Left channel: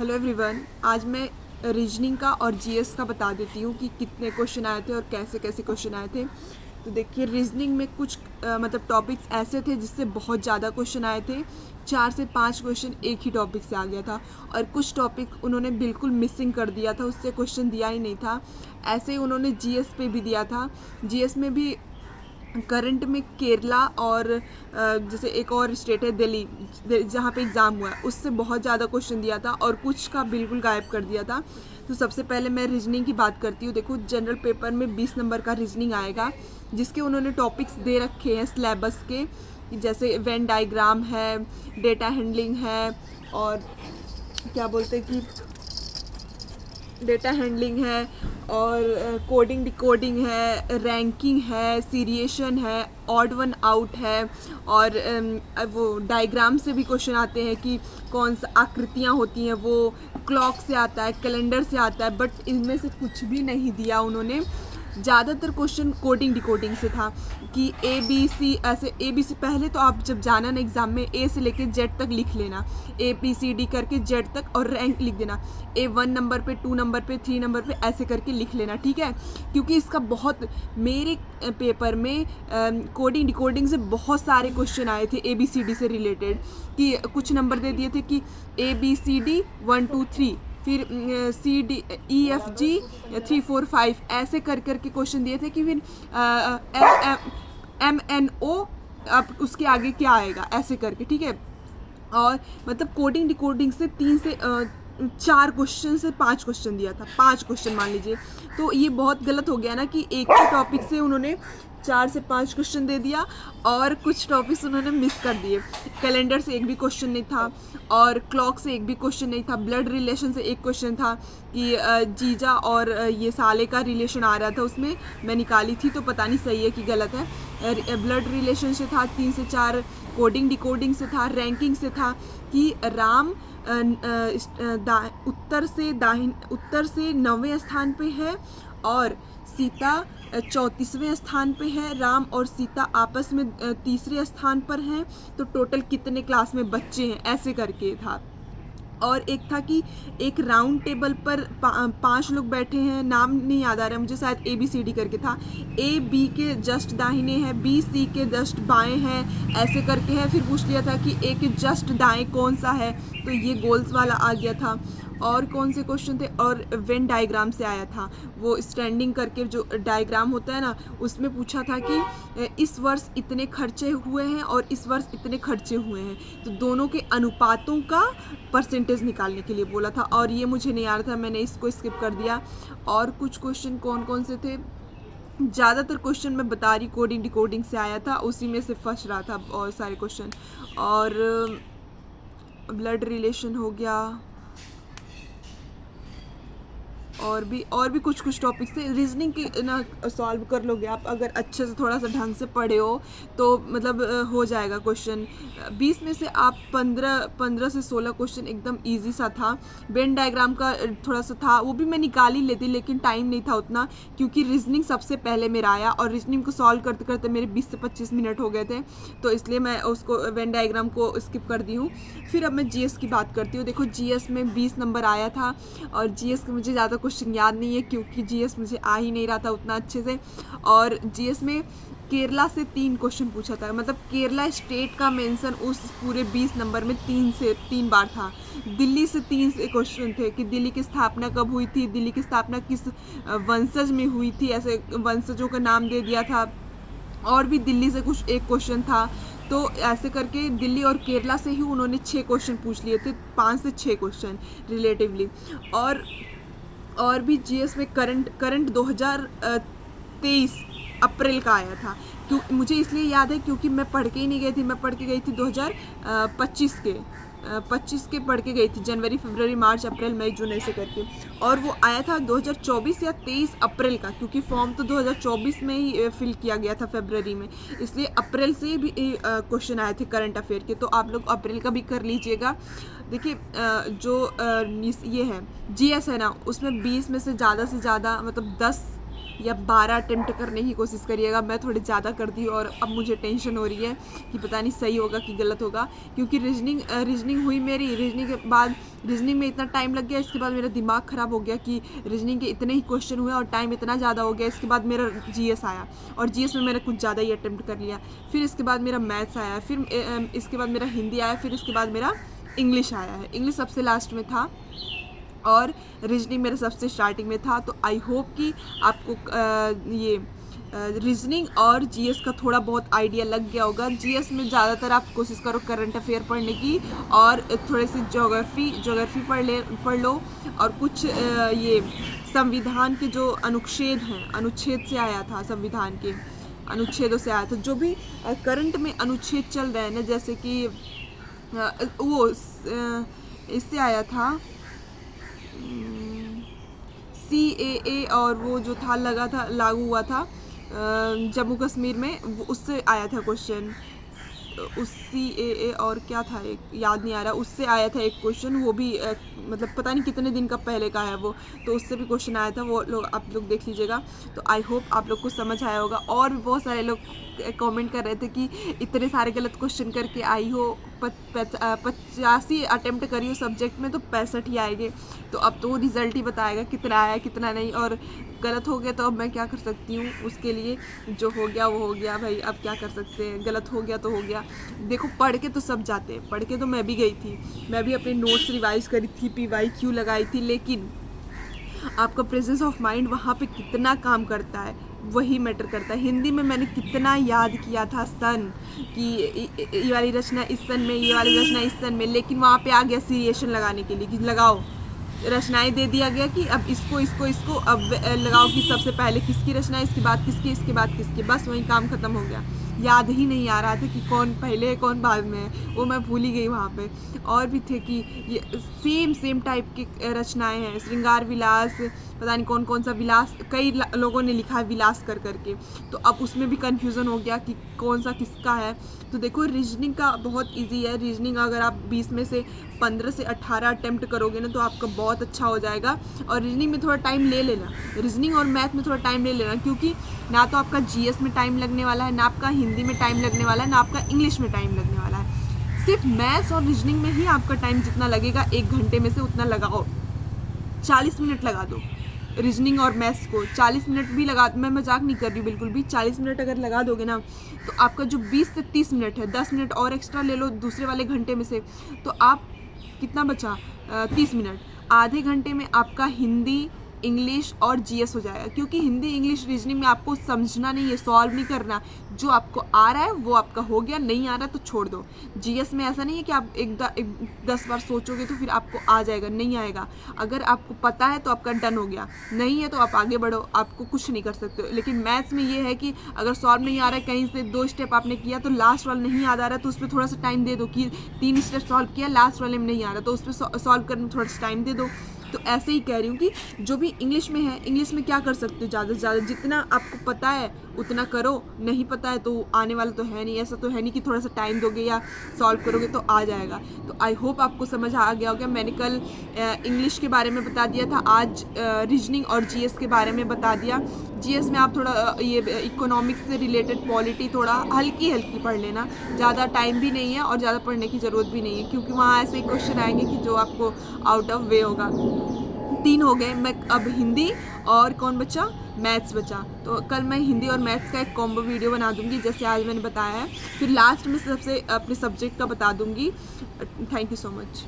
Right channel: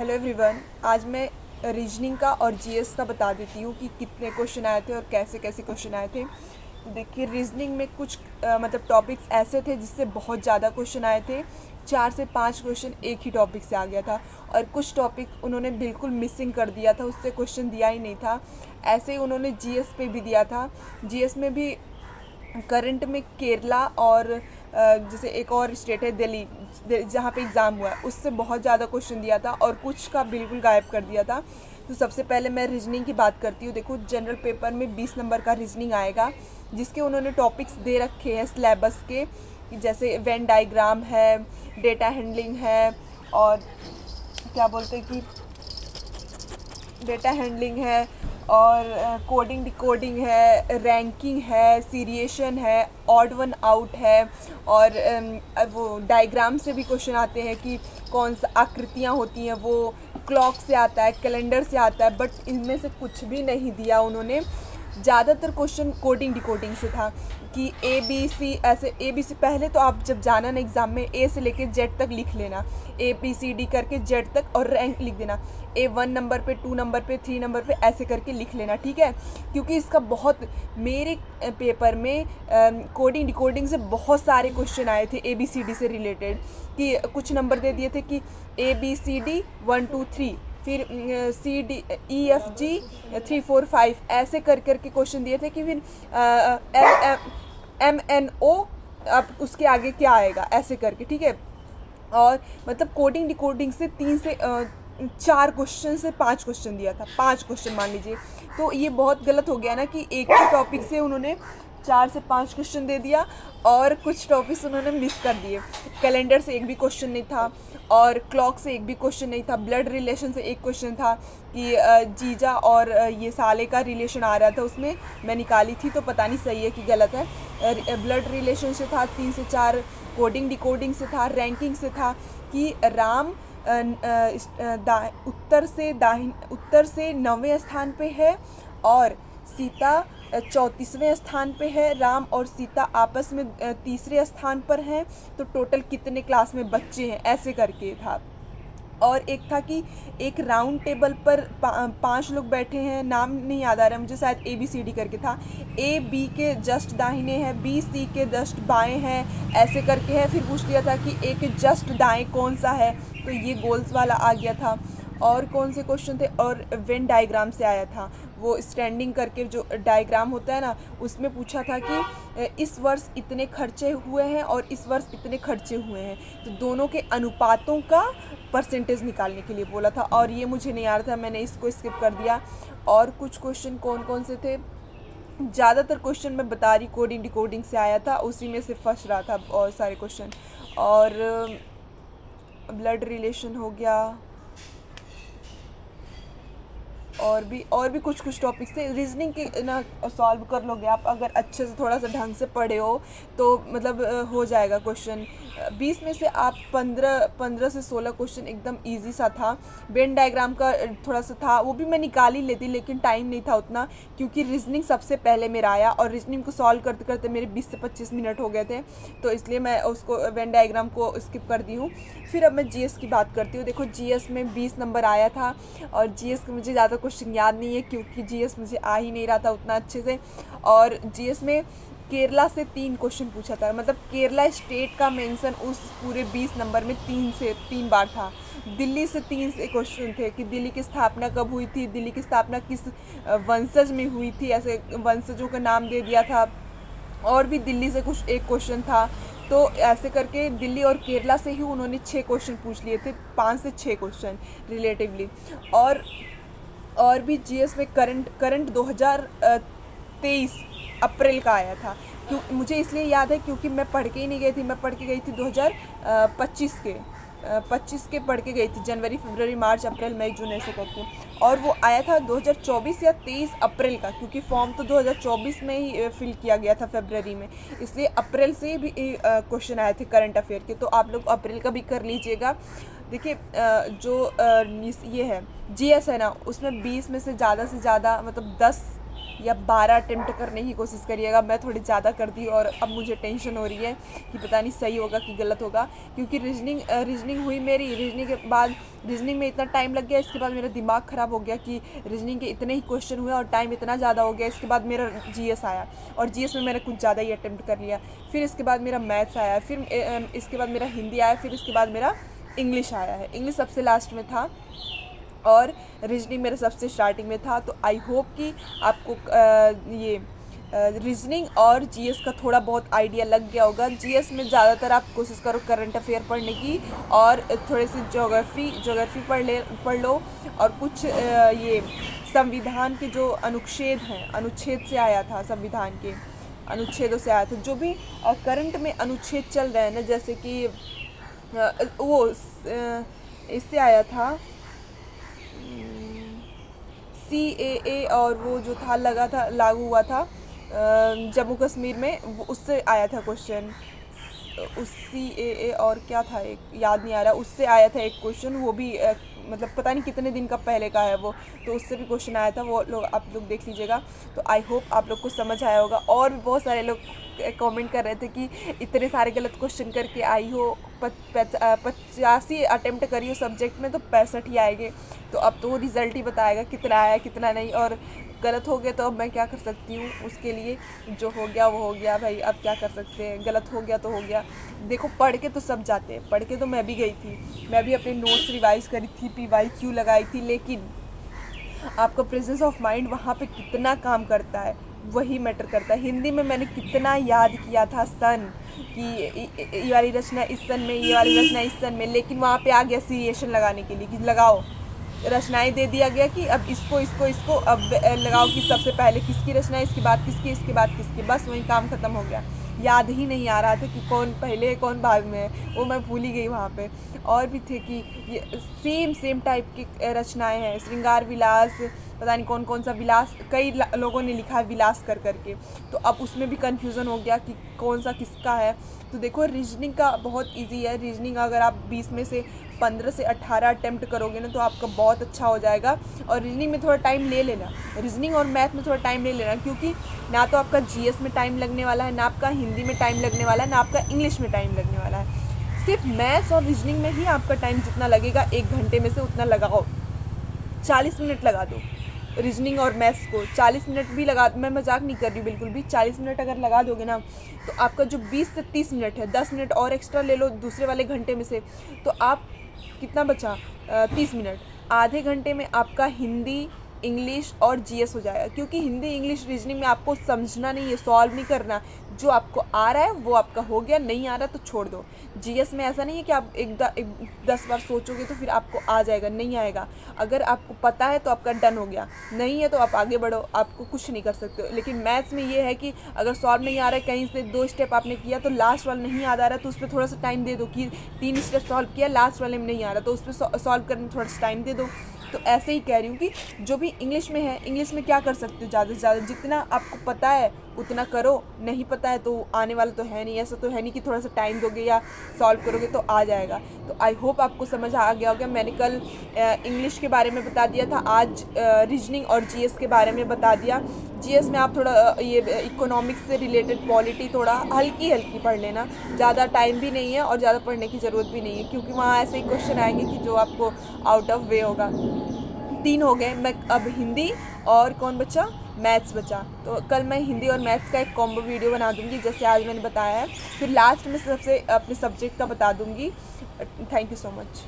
Hello everyone. आज मैं reasoning का और जीएस का बता देती हूँ कि कितने क्वेश्चन आए थे और कैसे कैसे क्वेश्चन आए थे। तो देखिए, रीजनिंग में कुछ मतलब टॉपिक्स ऐसे थे जिससे बहुत ज़्यादा क्वेश्चन आए थे। 4 से 5 क्वेश्चन एक ही टॉपिक से आ गया था और कुछ टॉपिक उन्होंने बिल्कुल मिसिंग कर दिया था, उससे क्वेश्चन दिया ही नहीं था। ऐसे ही उन्होंने जीएस पे भी दिया था। जीएस में भी करंट में केरला और जैसे एक और स्टेट है दिल्ली, जहाँ पे एग्ज़ाम हुआ है, उससे बहुत ज़्यादा क्वेश्चन दिया था और कुछ का बिल्कुल गायब कर दिया था। तो सबसे पहले मैं रीजनिंग की बात करती हूँ। देखो, जनरल पेपर में 20 नंबर का रीजनिंग आएगा, जिसके उन्होंने टॉपिक्स दे रखे हैं सिलेबस के, जैसे वेन डायग्राम है, डेटा हैंडलिंग है, और क्या बोलते हैं कि डेटा हैंडलिंग है, और कोडिंग डिकोडिंग है, रैंकिंग है, सीरिएशन है, ऑड वन आउट है, और वो डायग्राम से भी क्वेश्चन आते हैं कि कौन सा आकृतियाँ होती हैं, वो क्लॉक से आता है, कैलेंडर से आता है, बट इनमें से कुछ भी नहीं दिया उन्होंने। ज़्यादातर क्वेश्चन कोडिंग डिकोडिंग से था कि ए बी सी, ऐसे ए बी सी। पहले तो आप जब जाना ना एग्ज़ाम में, ए से लेके जेड तक लिख लेना, ए बी सी डी करके जेड तक, और रैंक लिख देना, ए 1 नंबर पे, 2 नंबर पे, 3 नंबर पे, ऐसे करके लिख लेना, ठीक है। क्योंकि इसका बहुत, मेरे पेपर में कोडिंग डिकोडिंग से बहुत सारे क्वेश्चन आए थे ए बी सी डी से रिलेटेड, कि कुछ नंबर दे दिए थे कि ए बी सी डी 1 2 3, फिर C D E F G 3 4 5, ऐसे कर करके क्वेश्चन दिए थे कि फिर एम एन ओ, अब उसके आगे क्या आएगा, ऐसे करके, ठीक है। और मतलब कोडिंग डिकोडिंग से 3 से 4 क्वेश्चन से 5 क्वेश्चन दिया था, 5 क्वेश्चन मान लीजिए। तो ये बहुत गलत हो गया ना कि एक ही टॉपिक से उन्होंने 4 से 5 क्वेश्चन दे दिया और कुछ टॉपिक्स उन्होंने मिस कर दिए। कैलेंडर से एक भी क्वेश्चन नहीं था, और क्लॉक से एक भी क्वेश्चन नहीं था। ब्लड रिलेशन से एक क्वेश्चन था कि जीजा और ये साले का रिलेशन आ रहा था, उसमें मैं निकाली थी, तो पता नहीं सही है कि गलत है। ब्लड रिलेशन से था 3 से 4, कोडिंग डिकोडिंग से था, रैंकिंग से था कि राम उत्तर से 9वें स्थान पे है और सीता 34वें स्थान पे है। राम और सीता आपस में तीसरे स्थान पर हैं, तो टोटल कितने क्लास में बच्चे हैं, ऐसे करके था। और एक था कि एक राउंड टेबल पर 5 लोग बैठे हैं, नाम नहीं याद आ रहा है मुझे, शायद ए बी सी डी करके था। ए बी के जस्ट दाहिने है, बी सी के जस्ट बाएं हैं, ऐसे करके है। फिर पूछ लिया था कि ए के जस्ट दाएं कौन सा है, तो ये गोल्स वाला आ गया था। और कौन से क्वेश्चन थे, और वेन डायग्राम से आया था, वो स्टैंडिंग करके जो डायग्राम होता है ना, उसमें पूछा था कि इस वर्ष इतने खर्चे हुए हैं और इस वर्ष इतने खर्चे हुए हैं, तो दोनों के अनुपातों का परसेंटेज निकालने के लिए बोला था, और ये मुझे नहीं आ रहा था, मैंने इसको स्किप कर दिया। और कुछ क्वेश्चन कौन कौन से थे, ज़्यादातर क्वेश्चन मैं बता रही कोडिंग डिकोडिंग से आया था, उसी में से फंस रहा था और सारे क्वेश्चन। और ब्लड रिलेशन हो गया, और भी कुछ टॉपिक्स थे। रीजनिंग के ना सॉल्व कर लोगे आप, अगर अच्छे से थोड़ा सा ढंग से पढ़े हो तो मतलब हो जाएगा क्वेश्चन। 20 में से आप 15 से 16 क्वेश्चन एकदम इजी सा था। वेन डायग्राम का थोड़ा सा था, वो भी मैं निकाल ही लेती, लेकिन टाइम नहीं था उतना, क्योंकि रीजनिंग सबसे पहले मेरा आया और रीजनिंग को सॉल्व करते करते मेरे 20 से 25 मिनट हो गए थे, तो इसलिए मैं उसको वेन डायग्राम को स्किप कर दी हूँ। फिर अब मैं जीएस की बात करती हूँ। देखो, जीएस में 20 नंबर आया था, और जीएस के मुझे ज़्यादा क्वेश्चन याद नहीं है, क्योंकि जीएस मुझे आ ही नहीं रहा था उतना अच्छे से। और जीएस में केरला से 3 क्वेश्चन पूछा था, मतलब केरला स्टेट का मेंशन उस पूरे 20 नंबर में 3 बार था। दिल्ली से 3 से क्वेश्चन थे कि दिल्ली की स्थापना कब हुई थी, दिल्ली की स्थापना किस वंशज में हुई थी, ऐसे वंशजों का नाम दे दिया था। और भी दिल्ली से कुछ एक क्वेश्चन था, तो ऐसे करके दिल्ली और केरला से ही उन्होंने 6 क्वेश्चन पूछ लिए थे, 5 से 6 क्वेश्चन रिलेटिवली। और भी जीएस में करंट 2023 अप्रैल का आया था, क्यों मुझे इसलिए याद है क्योंकि मैं पढ़ के ही नहीं गई थी, मैं पढ़ के गई थी 2025 के 25 के पढ़ के गई थी, जनवरी फरवरी मार्च अप्रैल मई जून ऐसे करके। और वो आया था 2024 या 23 अप्रैल का, क्योंकि फॉर्म तो 2024 में ही फिल किया गया था फरवरी में, इसलिए अप्रैल से भी क्वेश्चन आए थे करंट अफेयर के, तो आप लोग अप्रैल का भी कर लीजिएगा। देखिए, जो ये है जीएस है ना, उसमें 20 में से ज़्यादा मतलब 10 या 12 अटेम्प्ट करने की कोशिश करिएगा। मैं थोड़ी ज़्यादा कर दी और अब मुझे टेंशन हो रही है कि पता नहीं सही होगा कि गलत होगा, क्योंकि रीजनिंग हुई मेरी। रीजनिंग के बाद रीजनिंग में इतना टाइम लग गया, इसके बाद मेरा दिमाग ख़राब हो गया कि रीजनिंग के इतने ही क्वेश्चन हुए और टाइम इतना ज़्यादा हो गया। इसके बाद मेरा जीएस आया और जीएस में मैंने कुछ ज़्यादा ही अटेम्प्ट कर लिया। फिर इसके बाद मेरा मैथ्स आया, फिर इसके बाद मेरा हिंदी आया, फिर इसके बाद मेरा इंग्लिश आया है। इंग्लिश सबसे लास्ट में था और रीजनिंग मेरे सबसे स्टार्टिंग में था। तो आई होप कि आपको ये रीजनिंग और जीएस का थोड़ा बहुत आइडिया लग गया होगा। जीएस में ज़्यादातर आप कोशिश करो करंट अफेयर पढ़ने की और थोड़ी सी ज्योग्राफी पढ़ लो और कुछ ये संविधान के जो अनुच्छेद हैं, अनुच्छेद से आया था, संविधान के अनुच्छेदों से आया था। जो भी करंट में अनुच्छेद चल रहे हैं ना, जैसे कि वो इससे आया था CAA और वो जो था लागू हुआ था जम्मू कश्मीर में, वो उससे आया था क्वेश्चन। उस CAA और क्या था एक याद नहीं आ रहा, उससे आया था एक क्वेश्चन। वो भी मतलब पता नहीं कितने दिन का पहले का है वो, तो उससे भी क्वेश्चन आया था। वो लोग आप लोग देख लीजिएगा। तो आई होप आप लोग को समझ आया होगा। और भी बहुत सारे लोग कमेंट कर रहे थे कि इतने सारे गलत क्वेश्चन करके आई हो, 85 अटेम्प्ट करी हो सब्जेक्ट में तो 65 ही आएंगे। तो अब तो वो रिज़ल्ट ही बताएगा कितना आया कितना नहीं। और गलत हो गया तो अब मैं क्या कर सकती हूँ, उसके लिए जो हो गया वो हो गया भाई, अब क्या कर सकते हैं। गलत हो गया तो हो गया। देखो पढ़ के तो सब जाते हैं, पढ़ के तो मैं भी गई थी, मैं भी अपने नोट्स रिवाइज करी थी, PYQ लगाई थी, लेकिन आपका प्रेजेंस ऑफ माइंड वहाँ पे कितना काम करता है वही मैटर करता है। हिंदी में मैंने कितना याद किया था सन कि ये वाली रचना इस सन में, ये वाली रचना इस सन में, लेकिन वहाँ पे आ गया सीरिएशन लगाने के लिए कि लगाओ, रचनाएं दे दिया गया कि अब इसको अब लगाओ कि सबसे पहले किसकी रचना, इसके बाद किसकी, इसके बाद किसकी, बस वही काम ख़त्म हो गया। याद ही नहीं आ रहा था कि कौन पहले है कौन बाद में है, वो मैं भूल ही गई वहाँ पे। और भी थे कि ये सेम टाइप की रचनाएं हैं, श्रृंगार विलास, पता नहीं कौन कौन सा विलास, कई लोगों ने लिखा है विलास करके। तो अब उसमें भी कन्फ्यूज़न हो गया कि कौन सा किसका है। तो देखो रीजनिंग का बहुत इजी है। रीजनिंग अगर आप 20 में से 15 से 18 अटेम्प्ट करोगे ना तो आपका बहुत अच्छा हो जाएगा। और रीजनिंग में थोड़ा टाइम ले लेना, रीजनिंग और मैथ में थोड़ा टाइम ले लेना, क्योंकि ना तो आपका जीएस में टाइम लगने वाला है, ना आपका हिंदी में टाइम लगने वाला है, ना आपका इंग्लिश में टाइम लगने वाला है। सिर्फ मैथ्स और रीजनिंग में ही आपका टाइम जितना लगेगा 1 घंटे में से उतना लगाओ। 40 मिनट लगा दो रीजनिंग और मैथ्स को, 40 मिनट भी लगा, मैं मजाक नहीं कर रही बिल्कुल भी। 40 मिनट अगर लगा दोगे ना तो आपका जो 20 से 30 मिनट है, 10 मिनट और एक्स्ट्रा ले लो दूसरे वाले घंटे में से, तो आप कितना बचा 30 मिनट, आधे घंटे में आपका हिंदी, इंग्लिश और जीएस हो जाएगा। क्योंकि हिंदी, इंग्लिश, रीजनिंग में आपको समझना नहीं है, सॉल्व नहीं करना। जो आपको आ रहा है वो आपका हो गया, नहीं आ रहा तो छोड़ दो। जीएस में ऐसा नहीं है कि आप 10 बार सोचोगे तो फिर आपको आ जाएगा, नहीं आएगा। अगर आपको पता है तो आपका डन हो गया, नहीं है तो आप आगे बढ़ो, आपको कुछ नहीं कर सकते। लेकिन मैथ्स में ये है कि अगर सॉल्व नहीं आ रहा है, कहीं से 2 स्टेप आपने किया तो लास्ट वाला नहीं याद आ रहा है, तो उस पर थोड़ा सा टाइम दे दो कि 3 स्टेप सॉल्व किया, लास्ट वाले में नहीं आ रहा तो उस पर सॉल्व करने में थोड़ा सा टाइम दे दो। तो ऐसे ही कह रही हूँ कि जो भी इंग्लिश में है, इंग्लिश में क्या कर सकते हो, ज़्यादा से ज़्यादा जितना आपको पता है उतना करो, नहीं पता है तो आने वाला तो है नहीं। ऐसा तो है नहीं कि थोड़ा सा टाइम दोगे या सॉल्व करोगे तो आ जाएगा। तो आई होप आपको समझ आ गया होगा। मैंने कल इंग्लिश के बारे में बता दिया था, आज रीजनिंग और जीएस के बारे में बता दिया। जीएस में आप थोड़ा ये इकोनॉमिक्स से रिलेटेड पॉलिटी थोड़ा हल्की पढ़ लेना, ज़्यादा टाइम भी नहीं है और ज़्यादा पढ़ने की ज़रूरत भी नहीं है, क्योंकि वहाँ ऐसे ही क्वेश्चन आएंगे कि जो आपको आउट ऑफ वे होगा। 3 हो गए। मैं अब हिंदी और कौन बचा, मैथ्स बचा। तो कल मैं हिंदी और मैथ्स का एक कॉम्बो वीडियो बना दूंगी जैसे आज मैंने बताया है। फिर लास्ट में सबसे अपने सब्जेक्ट का बता दूंगी। Thank you so much.